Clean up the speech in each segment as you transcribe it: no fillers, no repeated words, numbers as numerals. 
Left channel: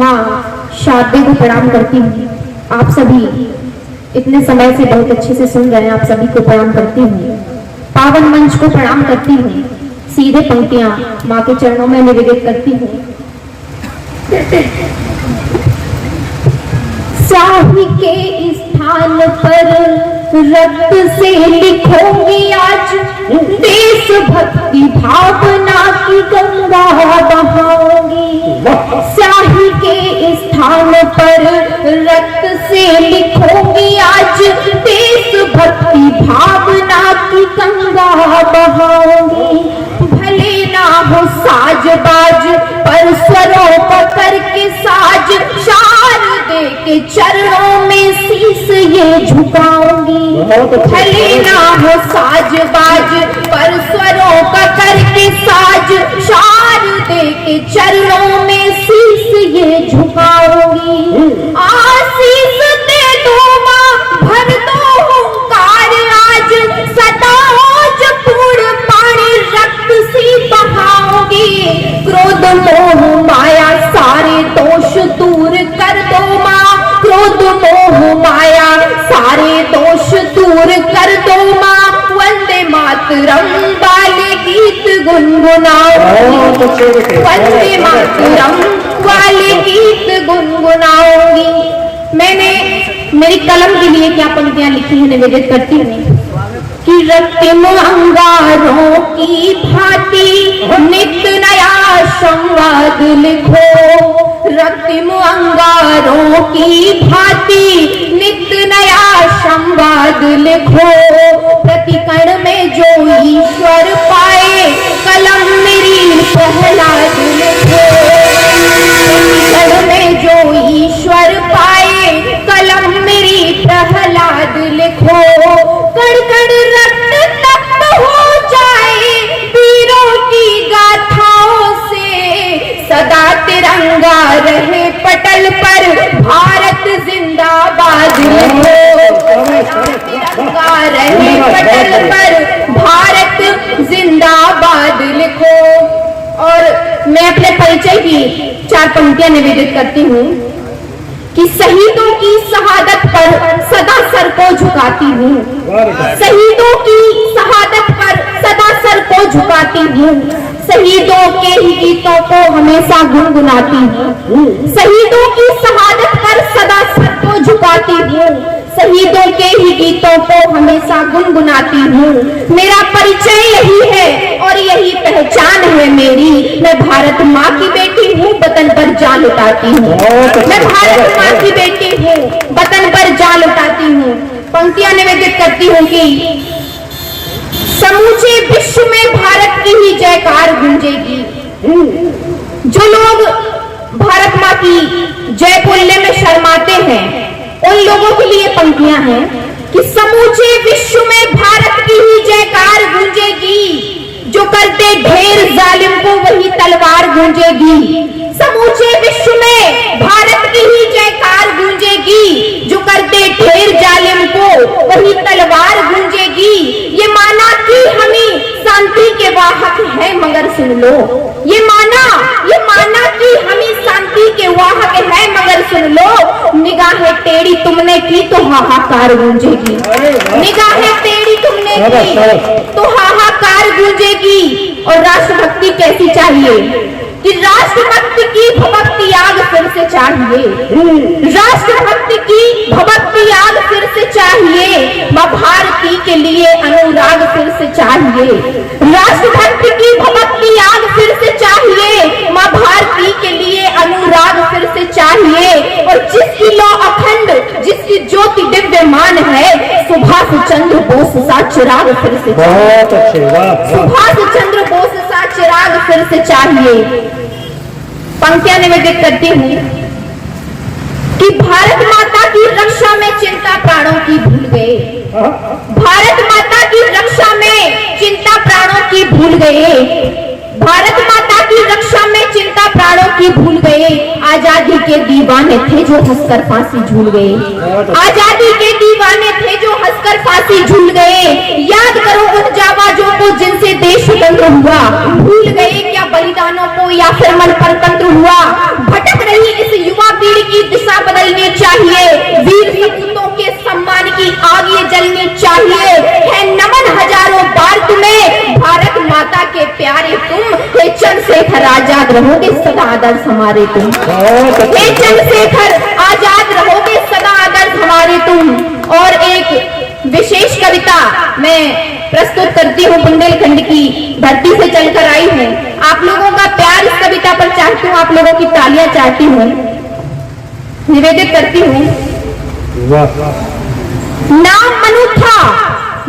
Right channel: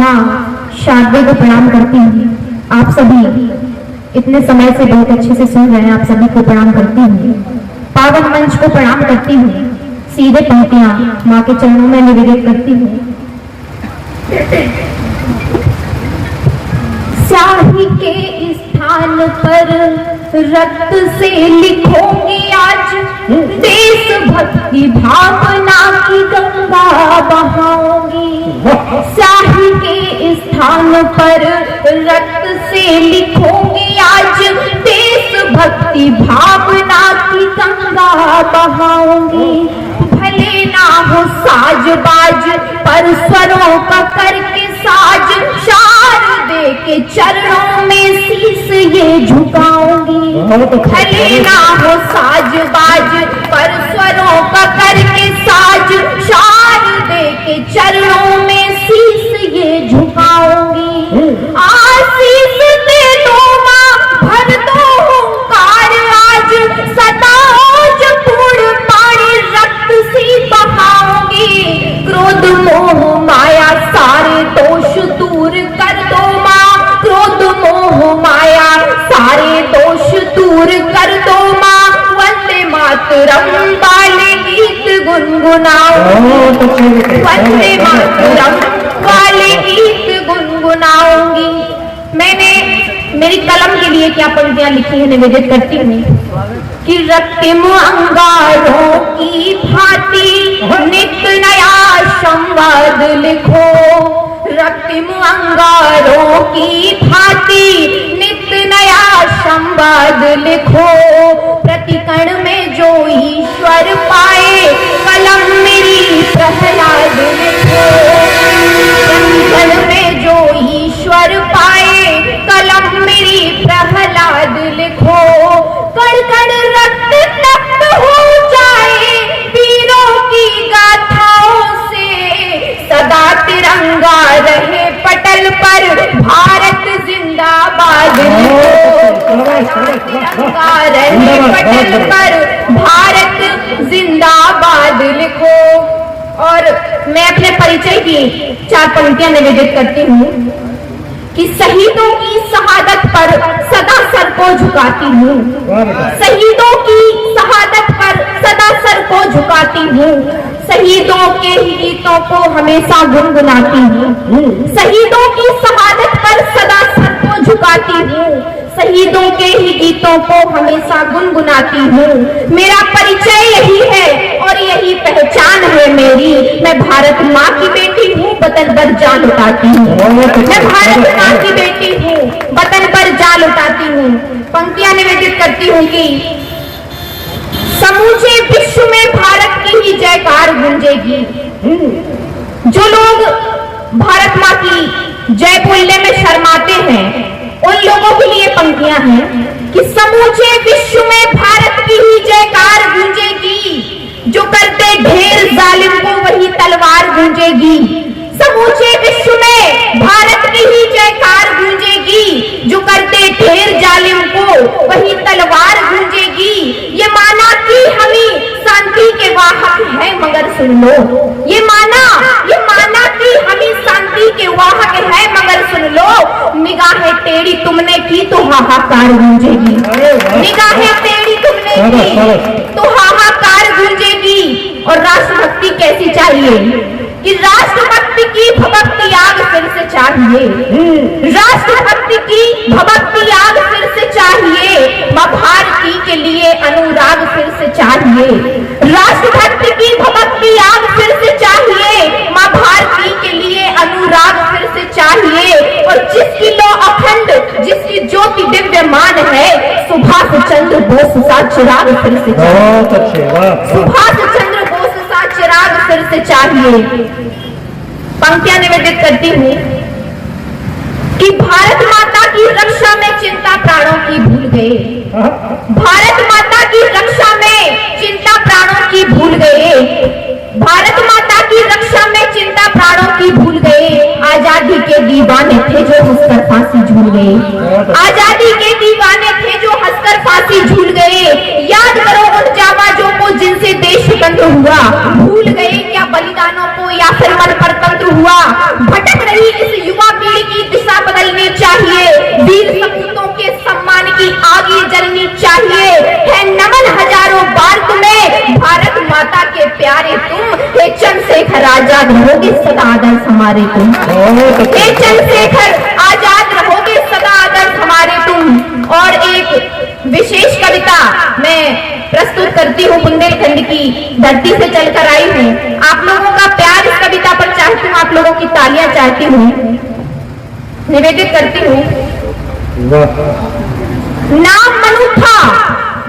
माँ शारदे को प्रणाम करती हूँ। आप सभी इतने समय से बहुत अच्छे से सुन रहे हैं, आप सभी को प्रणाम करती हूँ। पावन मंच को प्रणाम करती हूँ। सीधे पंक्तियां माँ के चरणों में निवेदित करती हूँ। शाही के स्थान पर रक्त से लिखोगी आज देशभक्ति भावना की गंगा बहाऊंगी। शाही के स्थान पर रक्त से लिखोगी आज देशभक्ति भावना की गंगा बहाऊंगी। भले ना हो साज बाज पर स्वरों का करके साज शारदे के चरणों में शीश ये झुकाऊंगी। भले ना हो साज बाज पर स्वरों का करके साज शारदे के चरणों में शीश ये झुकाऊंगी। आशीष दे दो माँ भर दो हुंकार आज सदा ओज पूर्ण पानी रक्त सी बहाओगी। क्रोध मोह माया सारे दोष दूर कर दो माँ। क्रोध मोह माया सारे दोष दूर कर दो माँ। वंदे मातरम वाले गीत गुनगुनाऊंगी। वंदे मातरम वाले गीत गुनगुनाऊंगी। मैंने मेरी कलम के लिए क्या पंक्तियां लिखी है निवेदित करती हूँ कि रक्तिम अंगारों की भांति नित्य नया संवाद लिखो। रक्तिम अंगारों की भांति नित्य नया संवाद लिखो। प्रतिकण में जो ईश्वर पाए कलम मेरी प्रहलाद लिखो। प्रतिकण में जो ईश्वर पाए कलम मेरी प्रहलाद लिखो। कण कण रक्त तप्त हो जाए वीरों की गाथाओं से। सदा तिरंगा रहे पटल पर भारत जिंदाबाद लिखो। तिरंगा रहे पटल पर भारत जिंदाबाद लिखो। और मैं अपने परिचय की 4 पंक्तियां निवेदित करती हूँ कि शहीदों की शहादत पर सदा सर को झुकाती हूँ। शहीदों की शहादत पर सदा सर को झुकाती हूँ। शहीदों के ही गीतों को हमेशा गुनगुनाती हूँ। शहीदों की शहादत पर सदा सर को झुकाती हूँ। शहीदों के ही गीतों को हमेशा गुनगुनाती हूँ। मेरा परिचय यही है और यही पहचान है मेरी। मैं भारत माँ की बेटी हूँ, वतन पर जान उठाती हूँ। मैं भारत माँ की बेटी हूँ, वतन पर जान उठाती हूँ। पंक्तियां निवेदित करती हूँ कि समूचे विश्व में भारत की ही जयकार गूंजेगी। जो लोग भारत माँ की जय बोलने में शर्माते हैं उन लोगों के लिए पंक्तियां हैं कि समूचे विश्व में भारत की ही जयकार गूंजेगी। जो करते ढेर जालिम को वही तलवार गूंजेगी। समूचे विश्व में भारत की ही जयकार गूंजेगी। जो करते ढेर जालिम को वही तलवार गूंजेगी। ये माना कि हमें शांति के वाहक है मगर सुन लो। ये माना कि हमें शांति के वाहक है मगर सुन लो। निगाहें टेढ़ी तुमने की तो हाहाकार गूंजेगी। निगाहें टेढ़ी तुमने की तो हाहाकार गूंजेगी। और राष्ट्रभक्ति कैसी चाहिए कि राष्ट्रभक्ति की भक्ति आग फिर से चाहिए। राष्ट्रभक्ति की भक्ति आग फिर से चाहिए। माँ भारती के लिए अनुराग फिर से चाहिए। राष्ट्रभक्ति की भक्ति आग फिर से चाहिए। माँ भारती के लिए अनुराग फिर से चाहिए। और जिसकी लो अखंड, जिसकी ज्योति दिव्यमान है, सुभाष चंद्र बोस सा चिराग फिर से चाहिए। सुभाष चंद्र बोस सा चिराग फिर से चाहिए। पंक्तियां निवेदित करती हूँ कि भारत माता की रक्षा में चिंता प्राणों की भूल गए। भारत माता की रक्षा में चिंता प्राणों की भूल गए। भारत माता की रक्षा में चिंता प्राणों की भूल गए। आजादी के दीवाने थे जो हंसकर फांसी झूल गए। आजादी के दीवाने थे जो हंसकर फांसी झूल गए। याद करो उन जाबाजों को जिनसे देश स्वतंत्र हुआ। भूल गए क्या बलिदानों को या फिर मन परतंत्र हुआ। भटक रही इस युग हमारे तुम। हे चंद्रशेखर आजाद रहोगे सदा आदर्श हमारे तुम। और एक विशेष कविता मैं प्रस्तुत करती हूँ, बुंदेलखंड की धरती से चलकर आई हूँ। आप लोगों का प्यार इस कविता पर चाहती हूँ, आप लोगों की तालियां चाहती हूँ, निवेदित करती हूँ। नाम मनु था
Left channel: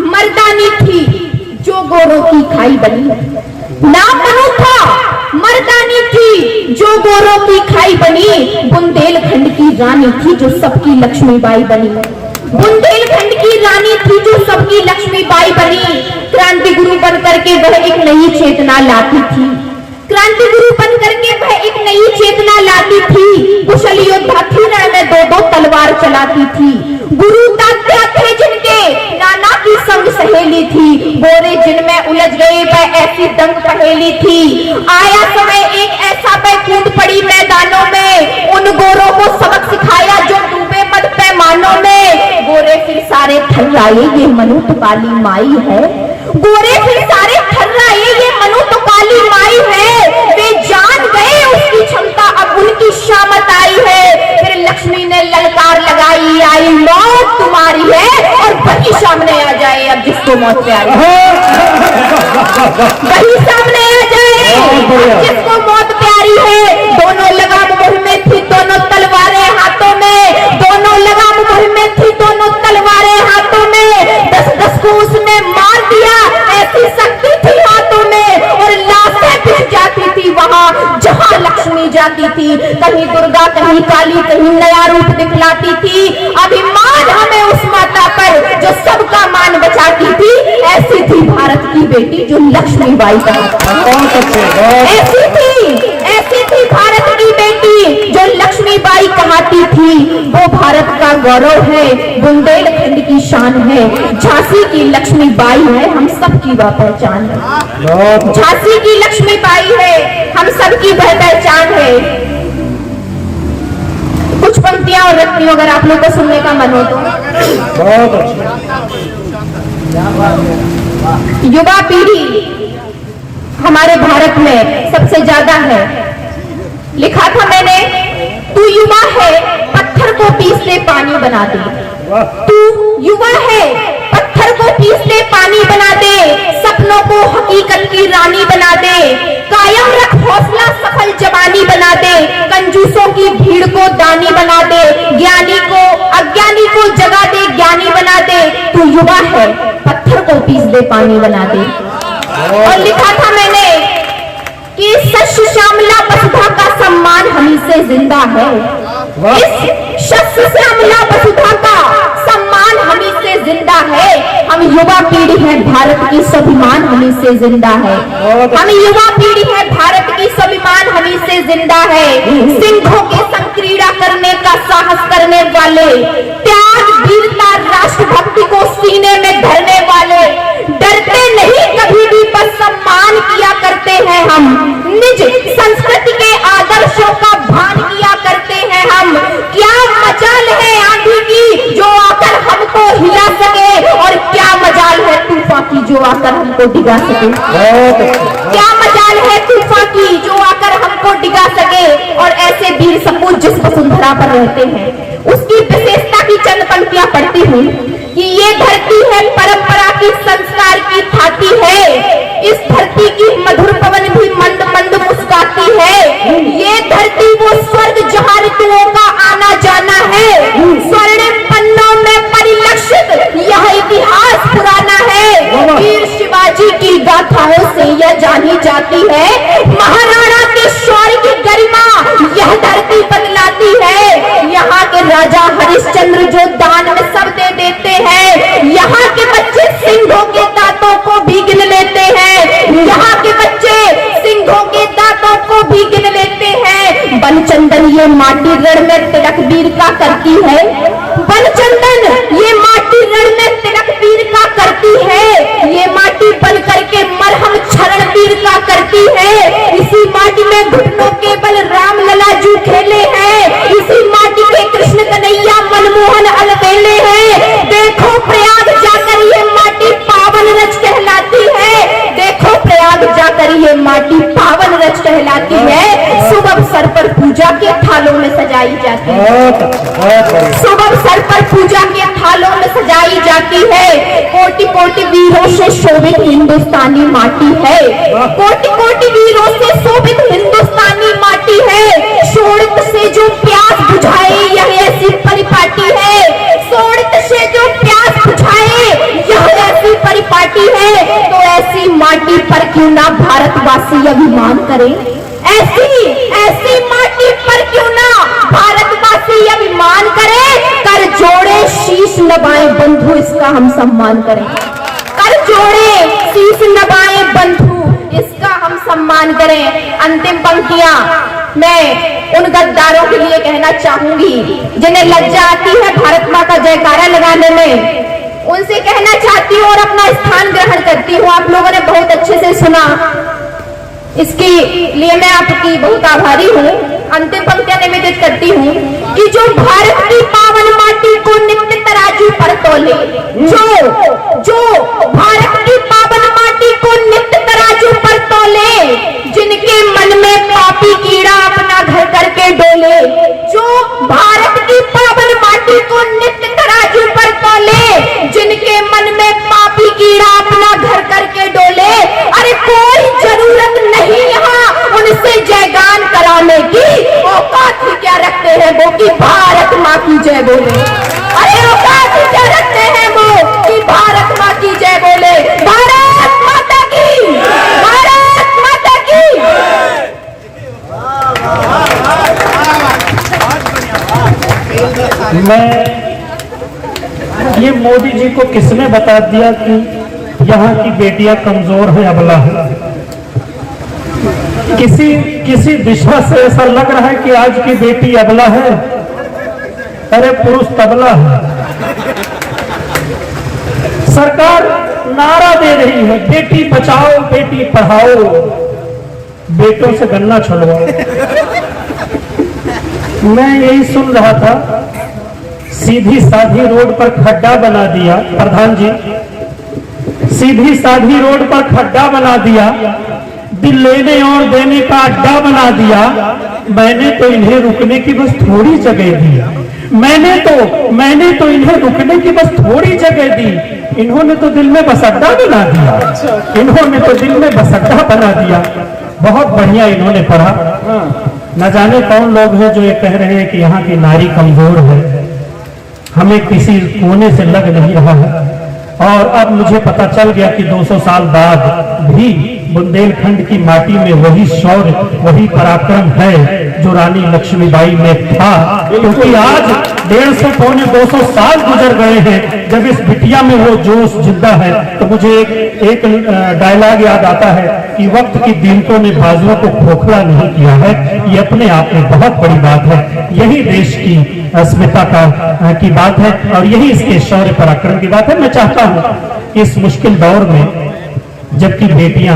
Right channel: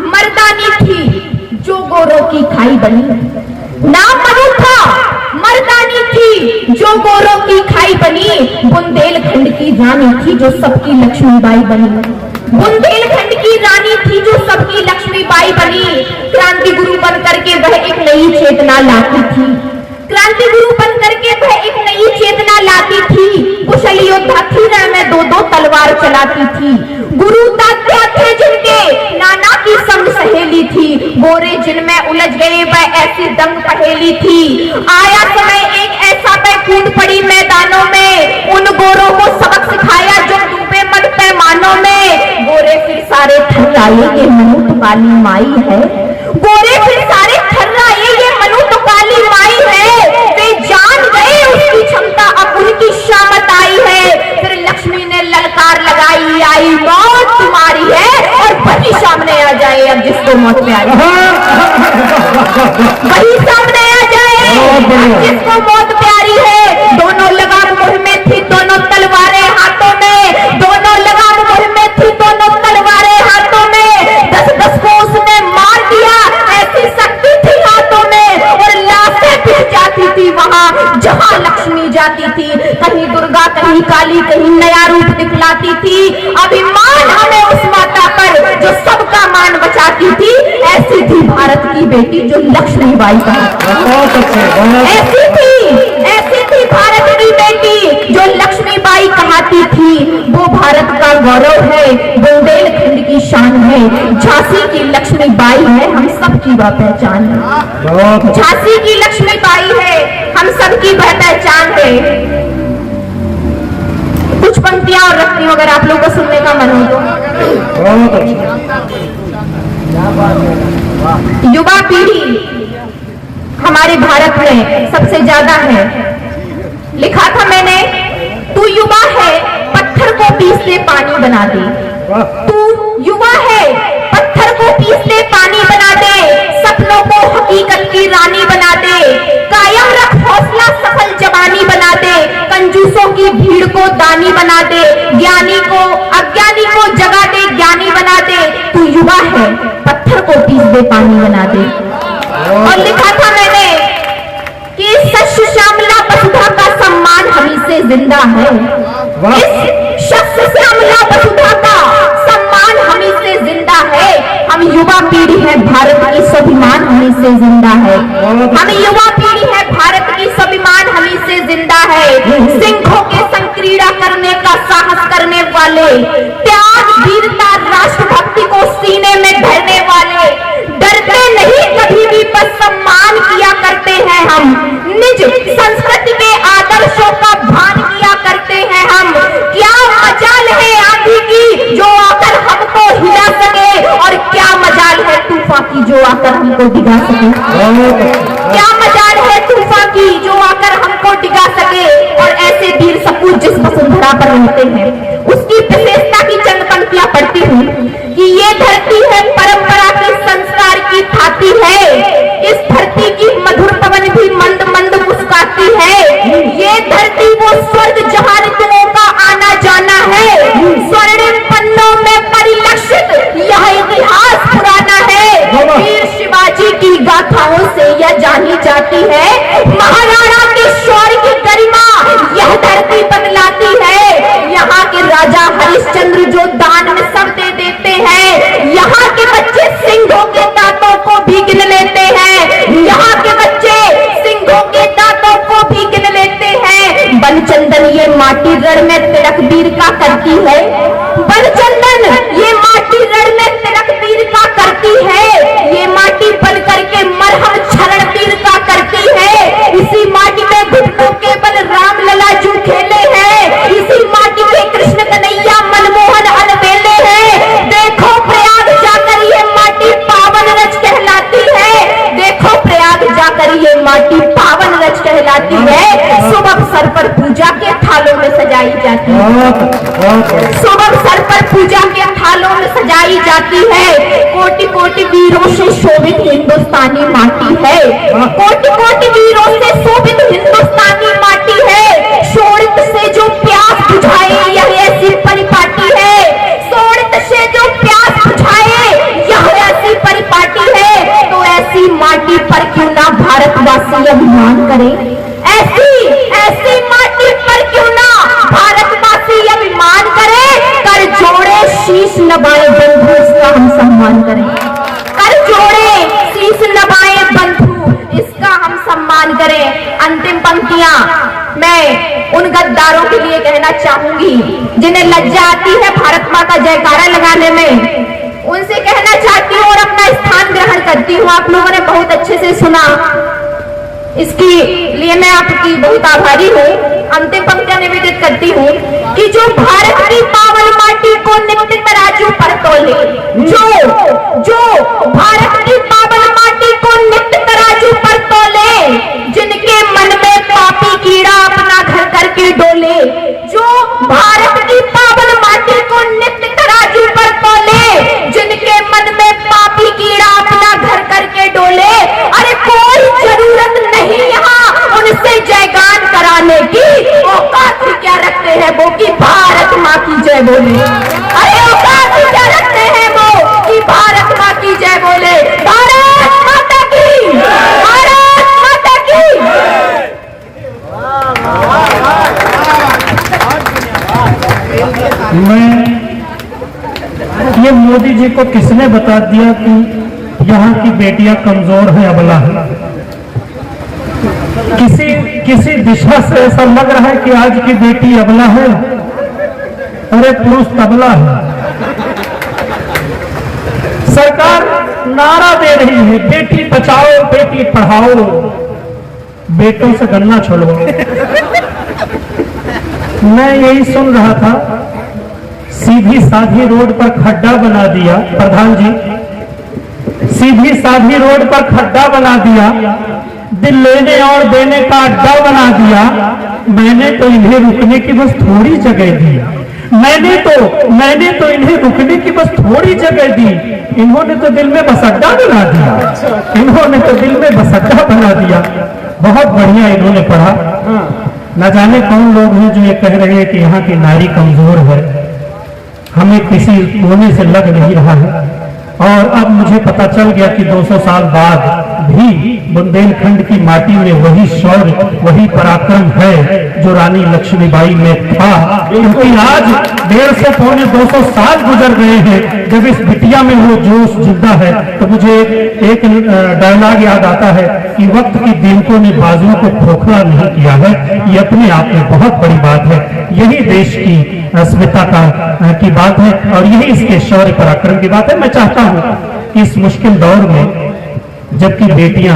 मर्दानी थी जो गोरों की खाई बनी। नाम मनु था मर्दानी थी जो गोरों की खाई बनी। बुंदेलखंड की रानी थी जो सबकी लक्ष्मीबाई बनी। बुंदेलखंड की रानी थी जो सबकी लक्ष्मीबाई बनी। क्रांति गुरु बन करके वह एक नई चेतना लाती थी। क्रांति गुरु बन करके वह एक नई चेतना लाती थी। कुशल योद्धा थी में दो तलवार चलाती थी। गुरु दादा थे जिनके नाना की संग सहेली थी। गोरे जिनमें उलझ गए वह ऐसी दंग पहेली थी। आया समय एक ऐसा वह कूद पड़ी मैदानों में। उन गोरों को सबक सिखाया जो डूबे मत पैमानों में। गोरे फिर सारे थर्राए ये मनु तो काली माई है। गोरे फिर सारे थर्राए ये मनु तो काली माई है। वे जान गए उसकी क्षमता अब उनकी शामत आई है। फिर लक्ष्मी ने ललकार लगाई आई मौत तुम्हारी है। और वही सामने आ जाए अब जिसको मौत पे आई, वही सामने आ जाए जिसको मौत प्यारी है। दोनों लगाम मुंह में थी दोनों तलवारें हाथों में। दोनों लगाम मुंह में थी दोनों तलवारें हाथों में। 10-10 को उसने मार दिया ऐसी शक्ति थी हाथों में। और लाशें बिछ जाती थी वहां जहां लक्ष्मी जाती थी। कहीं दुर्गा कहीं काली कहीं नया रूप दिखलाती थी। अभिमान हमें उस माता पर जो सबका मान बचाती थी। ऐसी थी भारत की बेटी जो लक्ष्मीबाई का। ऐसी थी भारत की बेटी जो लक्ष्मीबाई कहलाती थी। वो भारत का गौरव है, बुंदेलखंड की शान है। झांसी की लक्ष्मीबाई है, हम सबकी वह पहचान है। झांसी की लक्ष्मीबाई है, हम सबकी वह पहचान है। कुछ पंक्तियां और रखती हूँ अगर आप लोगों को सुनने का मन हो तो। युवा पीढ़ी हमारे भारत में सबसे ज्यादा है। लिखा था मैंने, तू युवा है पत्थर को पीस ले पानी बना दे। तू युवा है पत्थर को पीस ले पानी बना दे। सपनों को हकीकत की रानी बना दे। कायम रख हौसला सफल जवानी बना दे। कंजूसों की भीड़ को दानी बना दे। ज्ञानी को अज्ञानी को जगा दे ज्ञानी बना दे। तू युवा है पत्थर को पीस दे पानी बना दे। और लिखा था मैंने कि शस्य श्यामला वसुधा का सम्मान हमी से जिंदा है। इस शस्य श्यामला वसुधा का सम्मान हमी से जिंदा है। हम युवा पीढ़ी है भारत की स्वाभिमान हमी से जिंदा है। हम युवा पीढ़ी है भारत की स्वाभिमान हमी से जिंदा है। सिंहों के संग क्रीड़ा करने का साहस करने वाले, त्याग वीरता राष्ट्रभक्ति को सीने में धरने वाले, डरते नहीं कभी भी पर सम्मान किया करते हैं हम। निज संस्कृति के आदर्शों का भान किया करते हैं हम। क्या मजाल है आंधी की जो आकर हमको हिला सके। और क्या मजाल है तूफान की जो आकर हमको डिगा सके। क्या मजाल है तूफान की जो आकर हमको डिगा सके। और ऐसे वीर सपूत जिस वसुंधरा पर रहते हैं उसकी विशेषता की चंद पंक्तियां पढ़ती हूँ कि ये धरती है परंपरा की संस्कार की थाती है। इस धरती की मधुर पवन भी मंद मंद मुस्कुराती है। ये धरती वो स्वर्ग जहाँ ऋतुओं का आना जाना है। स्वर्णिम पन्नों में परिलक्षित यह इतिहास पुराना है। वीर शिवाजी की गाथाओं से यह जानी जाती है। महाराणा के शौर्य की गरिमा यह धरती बदलाती है। यहाँ के राजा हरिश्चंद्र जो दान में सब दे देते हैं। यहाँ के बच्चे सिंहों के दांतों को भी गिन लेते हैं। यहाँ के बच्चे सिंहों के दांतों को भी गिन लेते हैं। बनचंदन ये माटी रण में तिलक वीर का करती है। बनचंदन ये माटी रण में तिलक वीर का करती है। ये माटी बन करके मरहम क्षरण वीर का करती है। इसी माटी में घुटनों के बल राम लला जू खेले हैं। इसी माटी में कृष्ण कन्हैया मनमोहन अलबेले हैं। देखो प्रयाग जाकर ये माटी पावन रच कहलाती है। देखो प्रयाग जाकर ये माटी पावन रच कहलाती है। शुभ अवसर पर पूजा में सजाई जाती है, शुभ अवसर पर पूजा के थालों में सजाई जाती है। कोटि कोटि वीरों से शोभित हिंदुस्तानी माटी है, कोटि कोटि वीरों से शोभित हिंदुस्तानी माटी है। शोणित से जो प्यास बुझाए यह ऐसी परिपाटी है, शोणित से जो प्यास बुझाए यह ऐसी परिपाटी है। तो ऐसी माटी पर क्यों ना भारतवासी अभिमान करें, ऐसी ऐसी माटी पर क्यों ना भारतवासी अभिमान करें। कर जोड़े शीश नवाए बंधु इसका हम सम्मान करें, कर जोड़े शीश नवाए बंधु इसका हम सम्मान करें। अंतिम पंक्तियां मैं उन गद्दारों के लिए कहना चाहूंगी जिन्हें लज्जा आती है भारत मां का जयकारा लगाने में, उनसे कहना चाहती हूँ और अपना स्थान ग्रहण करती हूँ। आप लोगों ने बहुत अच्छे से सुना, इसके लिए मैं आपकी बहुत आभारी हूँ। अंतिम पंक्तियां निवेदित करती हूँ कि जो भारत की पावन माटी को नित्य तराजू पर तोले, जो भारत की पावन माटी को नित्य तराजू पर तोले, जिनके मन में पापी कीड़ा अपना घर करके डोले, जो भारत की पावन माटी को नित्य तराजू पर तोले, जिनके मन में पापी कीड़ा अपना घर करके डोले। अरे कोई जरूरत नहीं यहाँ उनसे जयगान कराने की, औकात ही क्या रखते हैं वो कि भारत माँ की जय बोले। अरे औकात ही क्या रखते हैं वो कि भारत माँ की जय बोले। भारत माता की, भारत माता की। मैं ये मोदी जी को किसने बता दिया कि यहाँ की बेटियां कमजोर हैं, अबला है। किसी दिशा से ऐसा लग रहा है कि आज की बेटी अबला है, अरे पुरुष तबला है। सरकार नारा दे रही है बेटी बचाओ बेटी पढ़ाओ, बेटों से गन्ना छुड़वाओ। मैं यही सुन रहा था, सीधी साधी रोड पर खड्डा बना दिया प्रधान जी, सीधी साधी रोड पर खड्डा बना दिया, दिल लेने और देने का अड्डा बना दिया। मैंने तो इन्हें रुकने की बस थोड़ी जगह दी, मैंने तो इन्हें रुकने की बस थोड़ी जगह दी, इन्होंने तो दिल में बस अड्डा बना दिया, इन्होंने तो दिल में बस अड्डा बना दिया। बहुत बढ़िया इन्होंने पढ़ा। न जाने कौन लोग हैं जो ये कह रहे हैं कि यहाँ की नारी कमजोर है, हमें किसी कोने से लग नहीं रहा है। और अब मुझे पता चल गया कि 200 साल बाद भी बुंदेलखंड की माटी में वही शौर्य वही पराक्रम है जो रानी लक्ष्मीबाई में था। क्योंकि आज 150 पौने 200 साल गुजर गए हैं, जब इस बिटिया में वो जोश जिंदा है तो मुझे एक डायलॉग याद आता है कि वक्त की दीमकों ने बाजुओं को खोखला नहीं किया है। ये अपने आप में बहुत बड़ी बात है, यही देश की अस्मिता की बात है और यही इसके शौर्य पराक्रम की बात है। मैं चाहता हूँ कि इस मुश्किल दौर में जबकि बेटियां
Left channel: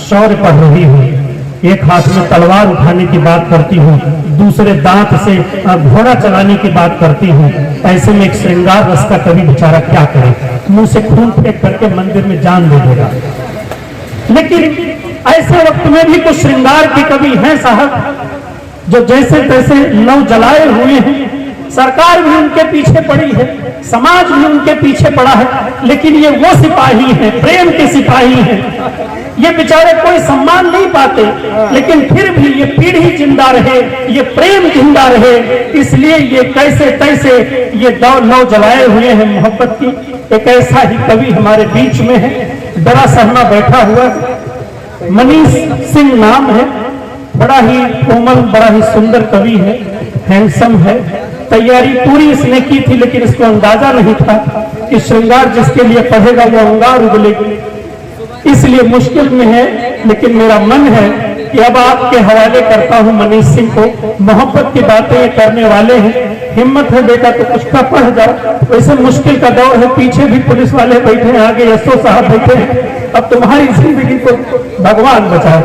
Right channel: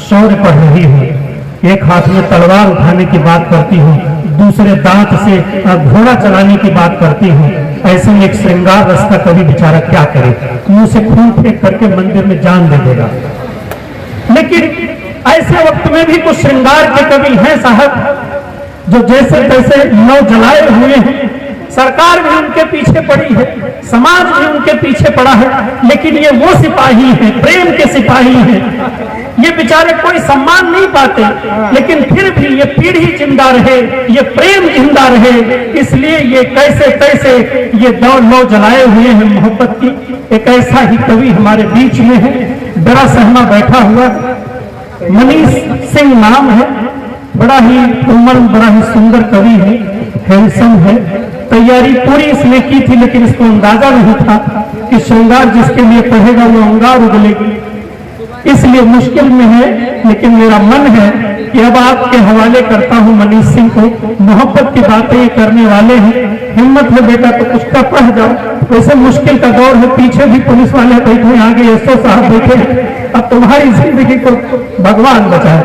शौर्य कर रही हूँ, एक हाथ में तलवार उठाने की बात करती हूँ, दूसरे दांत से घोड़ा चलाने की बात करती हूँ, ऐसे में एक श्रृंगार रस का कवि बेचारा क्या करे, मुंह से खून फेंक करके मंदिर में जान दे देगा। लेकिन ऐसे वक्त में भी कुछ श्रृंगार के कवि हैं साहब, जो जैसे तैसे लौ जलाए हुए हैं। सरकार भी उनके पीछे पड़ी है, समाज भी उनके पीछे पड़ा है, लेकिन ये वो सिपाही हैं, प्रेम के सिपाही हैं। ये बेचारे कोई सम्मान नहीं पाते, लेकिन फिर भी ये पीढ़ी जिंदा रहे, ये प्रेम जिंदा रहे, इसलिए ये कैसे कैसे ये लौ जलाए हुए हैं मोहब्बत की। एक ऐसा ही कवि हमारे बीच में है, बड़ा सहमा बैठा हुआ मनीष सिंह नाम है, बड़ा ही कोमल बड़ा ही सुंदर कवि है, हैंडसम है। तैयारी पूरी इसने की थी, लेकिन इसको अंदाजा नहीं था कि श्रृंगार जिसके लिए पढ़ेगा वो अंगार उगलेगी, इसलिए मुश्किल में है। लेकिन मेरा मन है कि अब आपके हवाले करता हूं मनीष सिंह को। मोहब्बत की बातें करने वाले हैं, हिम्मत हो बेटा तो कुछ का पढ़ जाओ। ऐसे मुश्किल का दौर है, पीछे भी पुलिस वाले बैठे, आगे एसओ साहब बैठे, अब तुम्हारी जिंदगी को भगवान बचाए।